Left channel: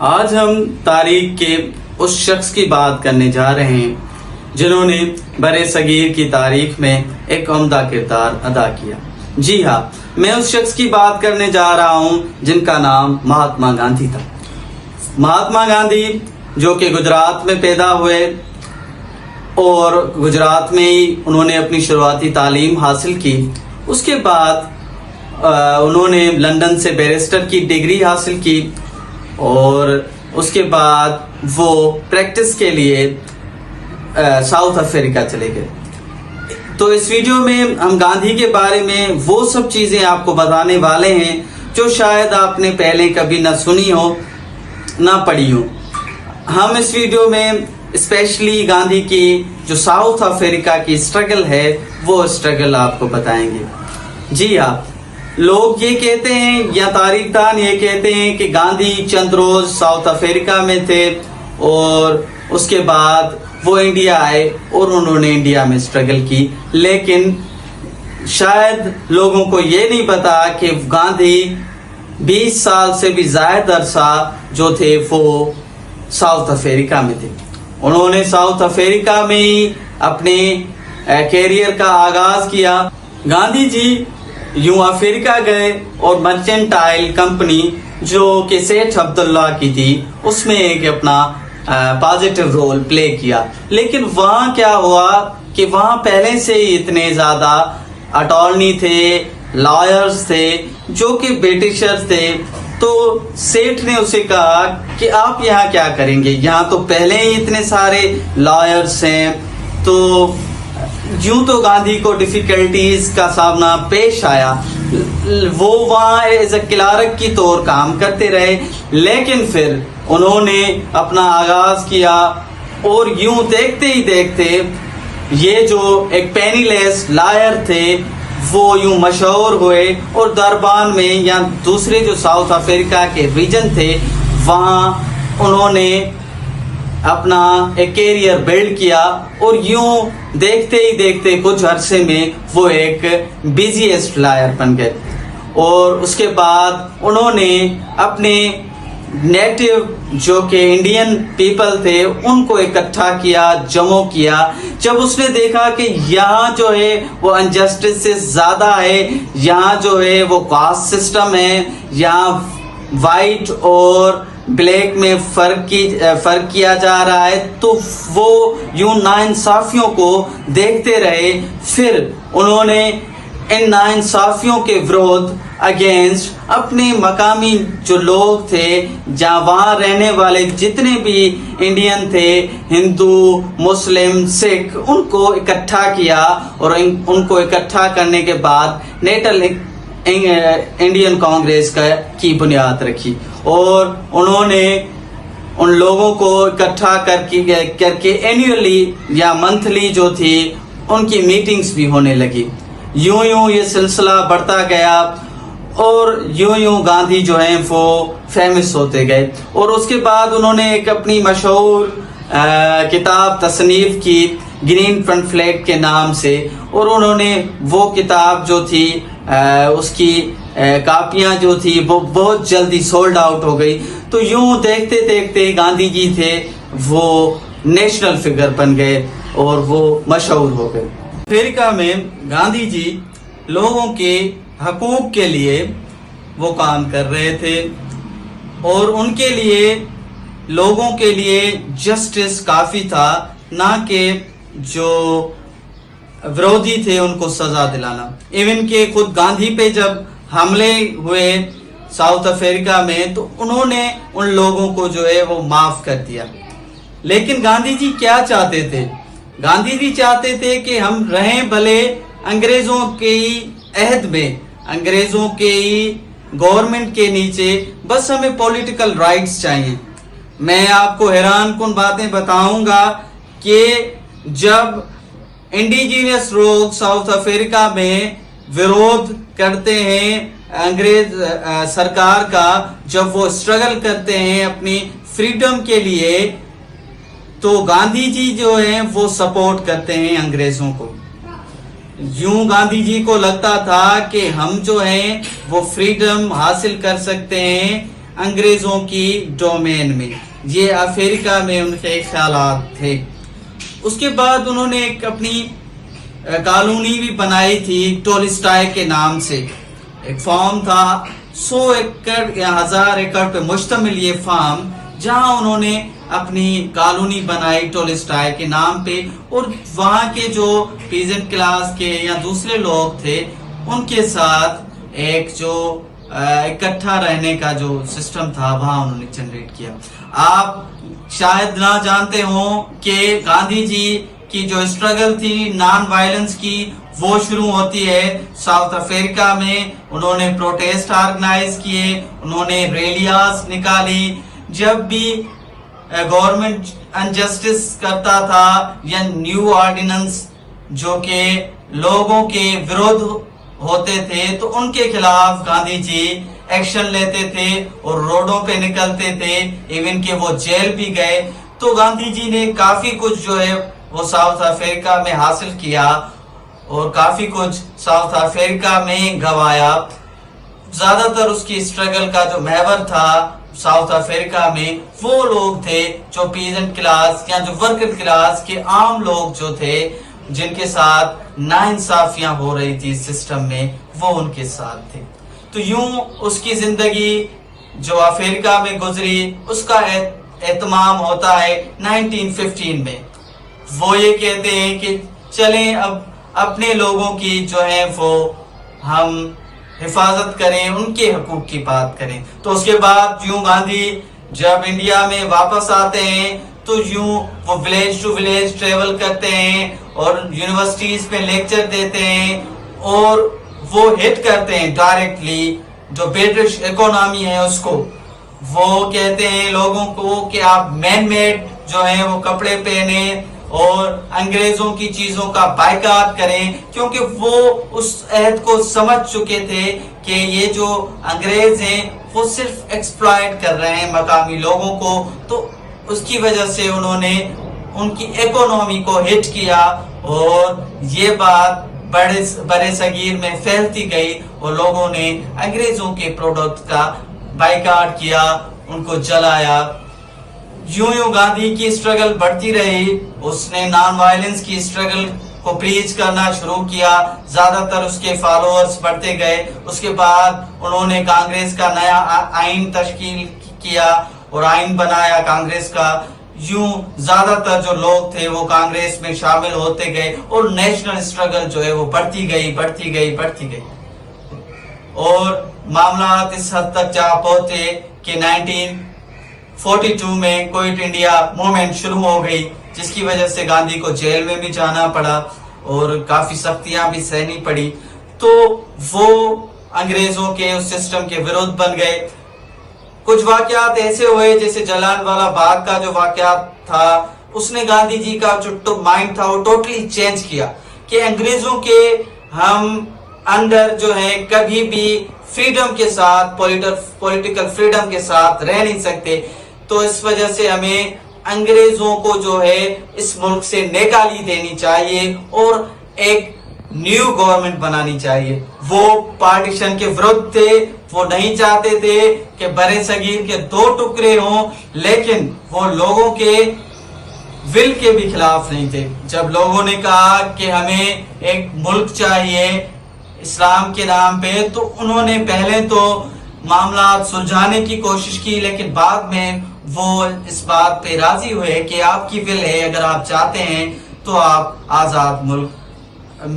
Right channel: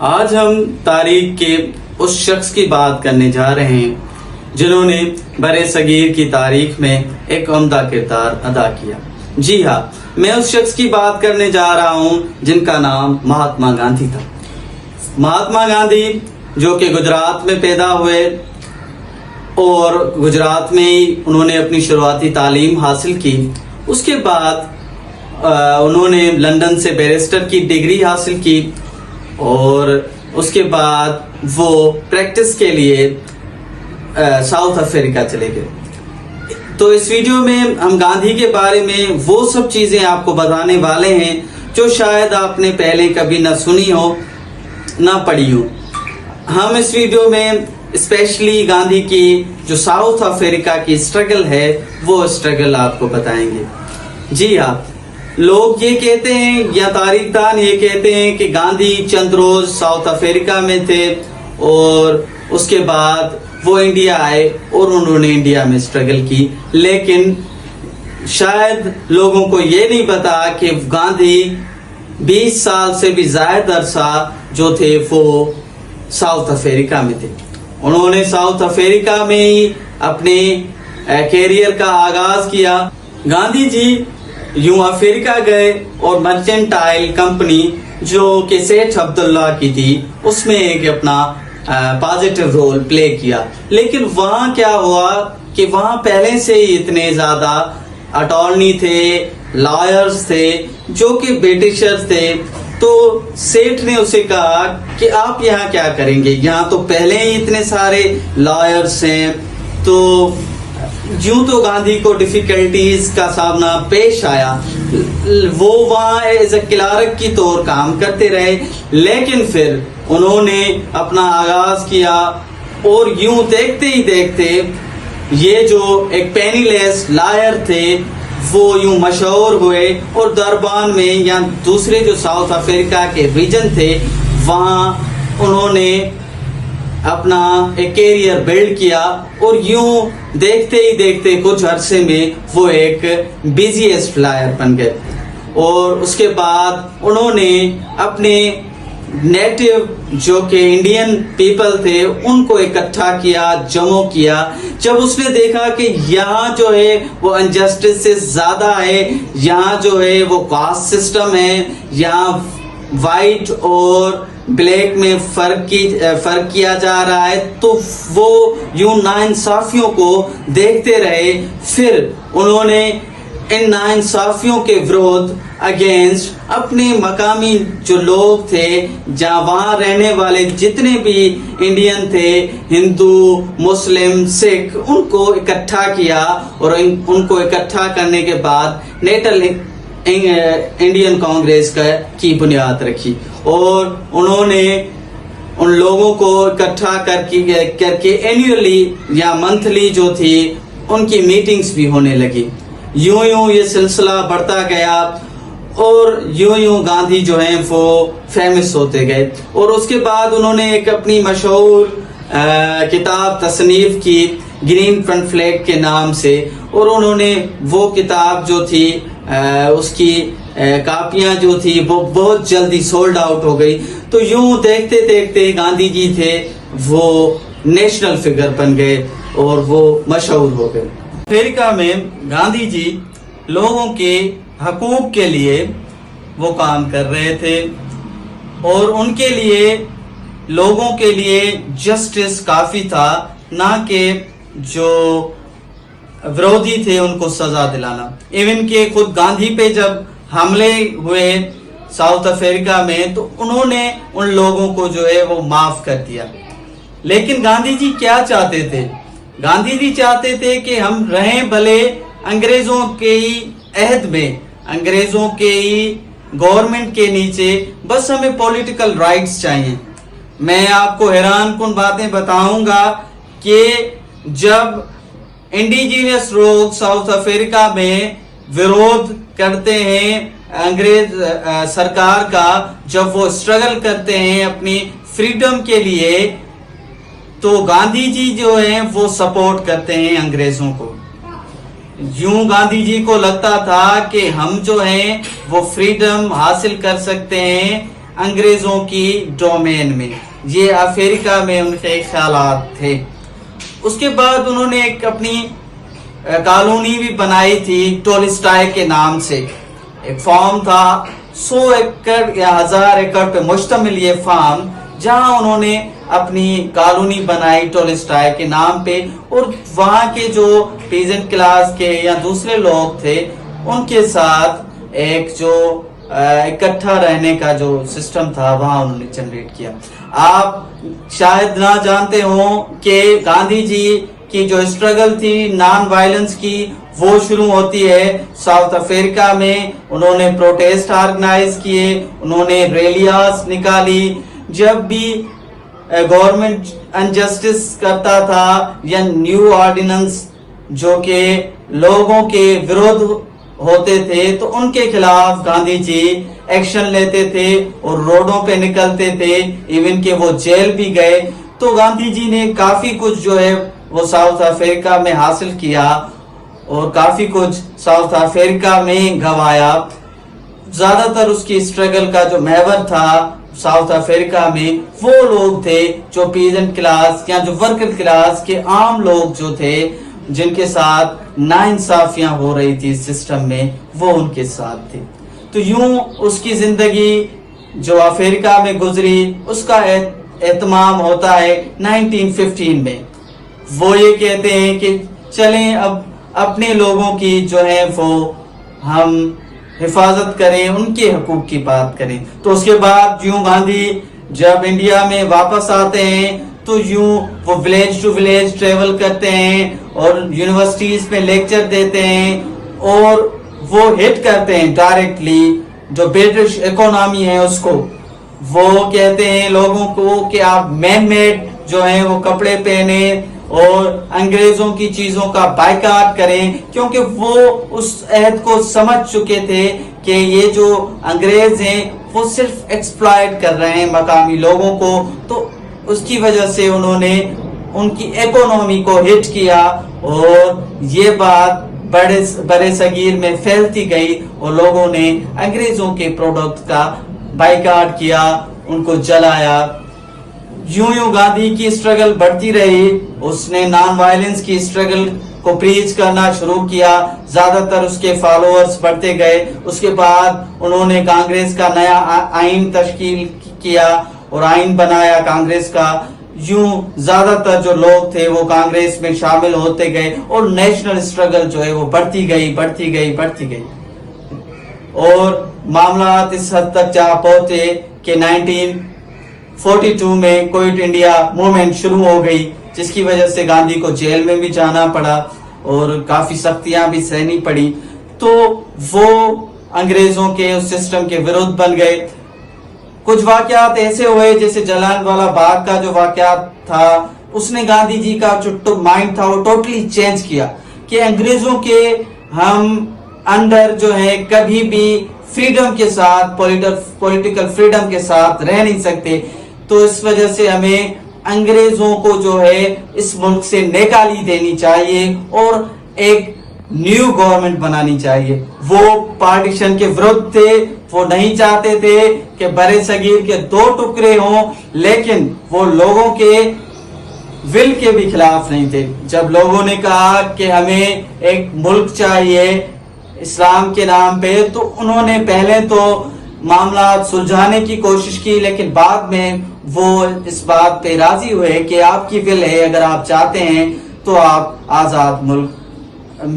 آج ہم تاریخ کے اس شخص کی بات کرنے جا رہے ہیں جنہوں نے برِ صغیر کی تاریخ میں ایک عمدہ کردار ادا کیا۔ جی ہاں، میں اس شخص کی بات کرنے جا رہا ہوں جن کا نام مہاتما گاندھی تھا۔ مہاتما گاندھی جو کہ گجرات میں پیدا ہوئے اور گجرات میں ہی انہوں نے اپنی شروعاتی تعلیم حاصل کی۔ اس کے بعد انہوں نے لندن سے بیرسٹر کی ڈگری حاصل کی اور اس کے بعد وہ پریکٹس کے لیے ساؤتھ افریقہ چلے گئے۔ تو اس ویڈیو میں ہم گاندھی کے بارے میں وہ سب چیزیں آپ کو بتانے والے ہیں جو شاید آپ نے پہلے کبھی نہ سنی ہو نہ پڑھی ہو۔ ہم اس ویڈیو میں اسپیشلی گاندھی کی جو ساؤتھ افریقہ کی اسٹرگل ہے وہ اسٹرگل آپ کو بتائیں گے۔ جی ہاں، لوگ یہ کہتے ہیں یا تاریخ دان یہ کہتے ہیں کہ گاندھی چند روز ساؤتھ افریقہ میں تھے اور اس کے بعد وہ انڈیا آئے اور انہوں نے انڈیا میں اسٹرگل کی، لیکن شاید لوگوں کو یہ نہیں پتا کہ گاندھی 20 سال سے بھی زائد عرصہ جو تھے وہ ساؤتھ افریقہ میں تھے۔ انہوں نے ساؤتھ افریقہ میں ہی اپنے کیریئر کا آغاز کیا۔ گاندھی جی یوں افریقہ گئے اور مرچنٹائل کمپنی جو کہ سیٹھ عبداللہ کی تھی اس میں ایک اپنا پازیٹیو رول پلے کیا، لیکن وہاں کیا ہوا کہ وہاں پہلے سے ہی اتنے زیادہ اٹارنی تھے، لائرز تھے جو کہ برٹشرز تھے۔ تو سیٹھ نے اسے کہا کہ آپ یہاں کیا کریں گے، یہاں تو پہلے ہی اتنے سارے لائرز ہیں۔ تو یوں تو گاندھی کو ڈیفیکلٹیز کا سامنا پیش آیا، وہ وہاں ایز اے کلارک کی طور کام کرتے رہے، لیکن پھر انہوں نے اپنا آغاز کیا اور یوں دیکھتے ہی دیکھتے یہ جو ایک پینی لیس لائر تھے وہ یوں مشہور ہوئے اور دربان میں یا دوسرے جو ساؤتھ افریقہ کے ریجن تھے وہاں انہوں نے اپنا ایک کیریئر بلڈ کیا اور یوں دیکھتے ہی دیکھتے کچھ عرصے میں وہ ایک بزیسٹ لائر بن گئے۔ اور اس کے بعد انہوں نے اپنے نیٹو جو کہ انڈین پیپل تھے ان کو اکٹھا کیا، جمع کیا۔ جب اس نے دیکھا کہ یہاں جو ہے وہ انجسٹس سے زیادہ ہے، یہاں جو ہے وہ کاسٹ سسٹم ہے، یہاں وائٹ اور بلیک میں فرق کیا جا رہا ہے، تو وہ یوں ناانصافیوں کو دیکھتے رہے۔ پھر انہوں نے ان ناانصافیوں کے ورودھ اگینسٹ اپنے مقامی جو لوگ تھے، جہاں وہاں رہنے والے جتنے بھی انڈین تھے، ہندو، مسلم، سکھ، ان کو اکٹھا کیا اور ان کو اکٹھا کرنے کے بعد نیشنل انڈین کانگریس کی بنیاد رکھی اور انہوں نے ان لوگوں کو اکٹھا کر کے اینیولی یا منتھلی جو تھی ان کی میٹنگز بھی ہونے لگی۔ یوں یوں یہ سلسلہ بڑھتا گیا اور یوں یوں گاندھی جو ہیں وہ فیمس ہوتے گئے۔ اور اس کے بعد انہوں نے ایک اپنی مشہور کتاب تصنیف کی گرین فرنٹ فلیگ کے نام سے، اور انہوں نے وہ کتاب جو تھی اس کی کاپیاں جو تھی وہ بہت جلدی سولڈ آؤٹ ہو گئی۔ تو یوں دیکھتے دیکھتے گاندھی جی تھے وہ نیشنل فگر بن گئے اور وہ مشہور ہو گئے۔ افریقہ میں گاندھی جی لوگوں کے حقوق کے لیے وہ کام کر رہے تھے اور ان کے لیے لوگوں کے لیے جسٹس کافی تھا، نہ کہ جو ورودھی تھے ان کو سزا دلانا۔ ایون کہ خود گاندھی پہ جب حملے ہوئے ساؤتھ افریقہ میں تو انہوں نے ان لوگوں کو جو ہے وہ معاف کر دیا۔ لیکن گاندھی جی کیا چاہتے تھے؟ گاندھی جی چاہتے تھے کہ ہم رہیں بھلے انگریزوں کے ہی عہد میں، انگریزوں کے ہی گورنمنٹ کے نیچے، بس ہمیں پولیٹیکل رائٹس چاہیے۔ میں آپ کو حیران کن باتیں بتاؤں گا کہ جب انڈیجینس لوگ ساؤتھ افریقہ میں ورودھ کرتے ہیں انگریز سرکار کا، جب وہ اسٹرگل کرتے ہیں اپنی فریڈم کے لیے، تو گاندھی جی جو ہیں وہ سپورٹ کرتے ہیں انگریزوں کو۔ یوں گاندھی جی کو لگتا تھا کہ ہم جو ہیں وہ فریڈم حاصل کر سکتے ہیں انگریزوں کی ڈومین میں. یہ افریقہ میں ان کے خیالات تھے. اس کے بعد انہوں نے ایک اپنی کالونی بھی بنائی تھی ٹولسٹائے کے نام سے. ایک فارم تھا 100 ایکڑ یا 1000 ایکڑ پہ مشتمل یہ فارم, جہاں انہوں نے اپنی کالونی بنائی ٹولسٹائے کے نام پہ, اور وہاں کے جو پیزنٹ کلاس کے یا دوسرے لوگ تھے ان کے ساتھ ایک جو اکٹھا رہنے کا جو سسٹم تھا وہاں انہوں نے جنریٹ کیا. آپ شاید نہ جانتے ہوں کہ گاندھی جی کی جو اسٹرگل تھی نان وائلنس کی, وہ شروع ہوتی ہے ساؤتھ افریقہ میں. انہوں نے پروٹیسٹ آرگنائز کیے, انہوں نے ریلیاز نکالی. جب بھی گورنمنٹ انجسٹس کرتا تھا یا نیو آرڈیننس جو کہ لوگوں کے ورودھ ہوتے تھے تو ان کے خلاف گاندھی جی ایکشن لیتے تھے اور روڈوں پہ نکلتے تھے, ایون کہ وہ جیل بھی گئے. تو گاندھی جی نے کافی کچھ جو ہے وہ ساؤتھ افریقہ میں حاصل کیا اور کافی کچھ ساؤتھ افریقہ میں گوایا. زیادہ تر اس کی اسٹرگل کا جو محور تھا ساؤتھ افریقہ میں وہ لوگ تھے جو پیزنٹ کلاس یا جو ورکر کلاس کے عام لوگ جو تھے, جن کے ساتھ ناانصافیاں ہو رہی تھی سسٹم میں, وہ ان کے ساتھ تھے. تو یوں اس کی زندگی جو افریقہ میں گزری اس کا اہتمام ہوتا ہے 1915 میں. وہ یہ کہتے ہیں کہ چلیں اب اپنے لوگوں کی جو ہے وہ ہم حفاظت کریں, ان کے حقوق کی بات کریں. تو اس کے بعد یوں گاندھی جب انڈیا میں واپس آتے ہیں تو یوں وہ ولیج ٹو ولیج ٹریول کرتے ہیں اور یونیورسٹیز میں لیکچر دیتے ہیں, اور وہ ہٹ کرتے ہیں ڈائریکٹلی جو برٹش اکانومی ہے اس کو. وہ کہتے ہیں لوگوں کو کہ آپ مین میڈ جو ہیں وہ کپڑے پہنے اور انگریزوں کی چیزوں کا بائیکاٹ کریں, کیونکہ وہ اس عہد کو سمجھ چکے تھے کہ یہ جو انگریز ہیں وہ صرف ایکسپلائٹ کر رہے ہیں مقامی لوگوں کو. تو اس کی وجہ سے انہوں نے ان کی اکانومی کو ہٹ کیا اور یہ بات بڑے صغیر میں پھیلتی گئی اور لوگوں نے انگریزوں کے پروڈکٹ کا بائیکاٹ کیا, ان کو جلایا. یوں گاندھی کی اسٹرگل بڑھتی رہی. اس نے نان وائلنس کی اسٹرگل کو پریچ کرنا شروع کیا, زیادہ تر اس کے فالوورز بڑھتے گئے. اس کے بعد انہوں نے کانگریس کا نیا آئین تشکیل کیا اور آئین بنایا کانگریس کا. یوں زیادہ تر جو لوگ تھے وہ کانگریس میں شامل ہوتے گئے اور نیشنل اسٹرگل جو ہے وہ بڑھتی گئی. اور معاملات اس حد تک جا پہنچے کہ 1942 میں کوئٹ انڈیا موومنٹ شروع ہو گئی, جس کی وجہ سے گاندھی کو جیل میں بھی جانا پڑا اور کافی سختیاں بھی سہنی پڑی. تو وہ انگریزوں کے اس سسٹم کے ورودھ بن گئے. کچھ واقعات ایسے ہوئے جیسے جلال والا باغ کا جو واقعات تھا, اس نے گاندھی جی کا جو مائنڈ تھا وہ ٹوٹلی چینج کیا کہ انگریزوں کے ہم انڈر جو ہے کبھی بھی فریڈم کے ساتھ پولیٹیکل فریڈم کے ساتھ رہ نہیں سکتے. تو اس وجہ سے ہمیں انگریزوں کو جو ہے اس ملک سے نکالی دینی چاہیے اور ایک نیو گورنمنٹ بنانی چاہیے. وہ پارٹیشن کے ورد تھے, وہ نہیں چاہتے تھے کہ برے صغیر کے دو ٹکڑے ہوں, لیکن وہ لوگوں کے ول کے بھی خلاف نہیں تھے. جب لوگوں نے کہا کہ ہمیں ایک ملک چاہیے اسلام کے نام پہ, تو انہوں نے پہلے تو معاملات سلجھانے کی کوشش کی, لیکن بعد میں وہ اس بات پہ راضی ہوئے کہ آپ کی ول ہے, اگر آپ چاہتے ہیں تو آپ آزاد ملک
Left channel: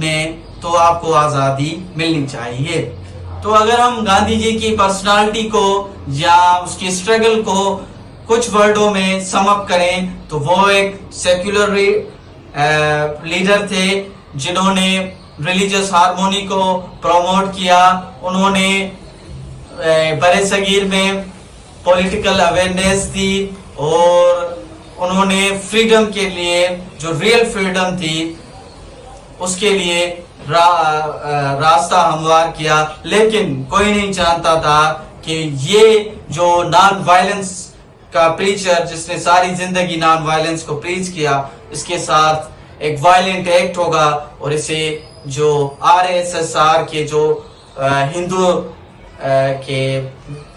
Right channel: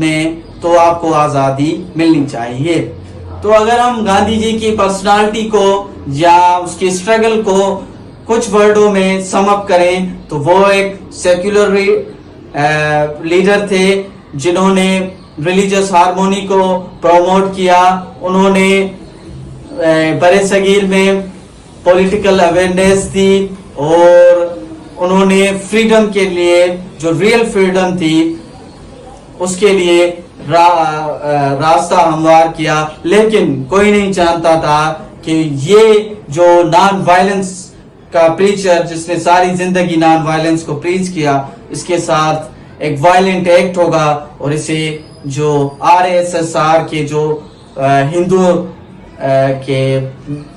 میں تو آپ کو آزادی ملنی چاہیے. تو اگر ہم گاندھی جی کی پرسنالٹی کو یا اس کی اسٹرگل کو کچھ ورڈوں میں سم اپ کریں تو وہ ایک سیکولر لیڈر تھے جنہوں نے ریلیجس ہارمونی کو پروموٹ کیا. انہوں نے برے صغیر میں پولیٹیکل اویئرنیس دی اور انہوں نے فریڈم کے لیے جو ریئل فریڈم تھی اس کے لیے راستہ ہموار کیا. لیکن کوئی نہیں جانتا تھا کہ یہ جو نان وائلنس کا پریچر جس نے ساری زندگی نان وائلنس کو پریچ کیا, اس کے ساتھ ایک وائلنٹ ایکٹ ہوگا اور اسے جو RSS کے جو ہندو کے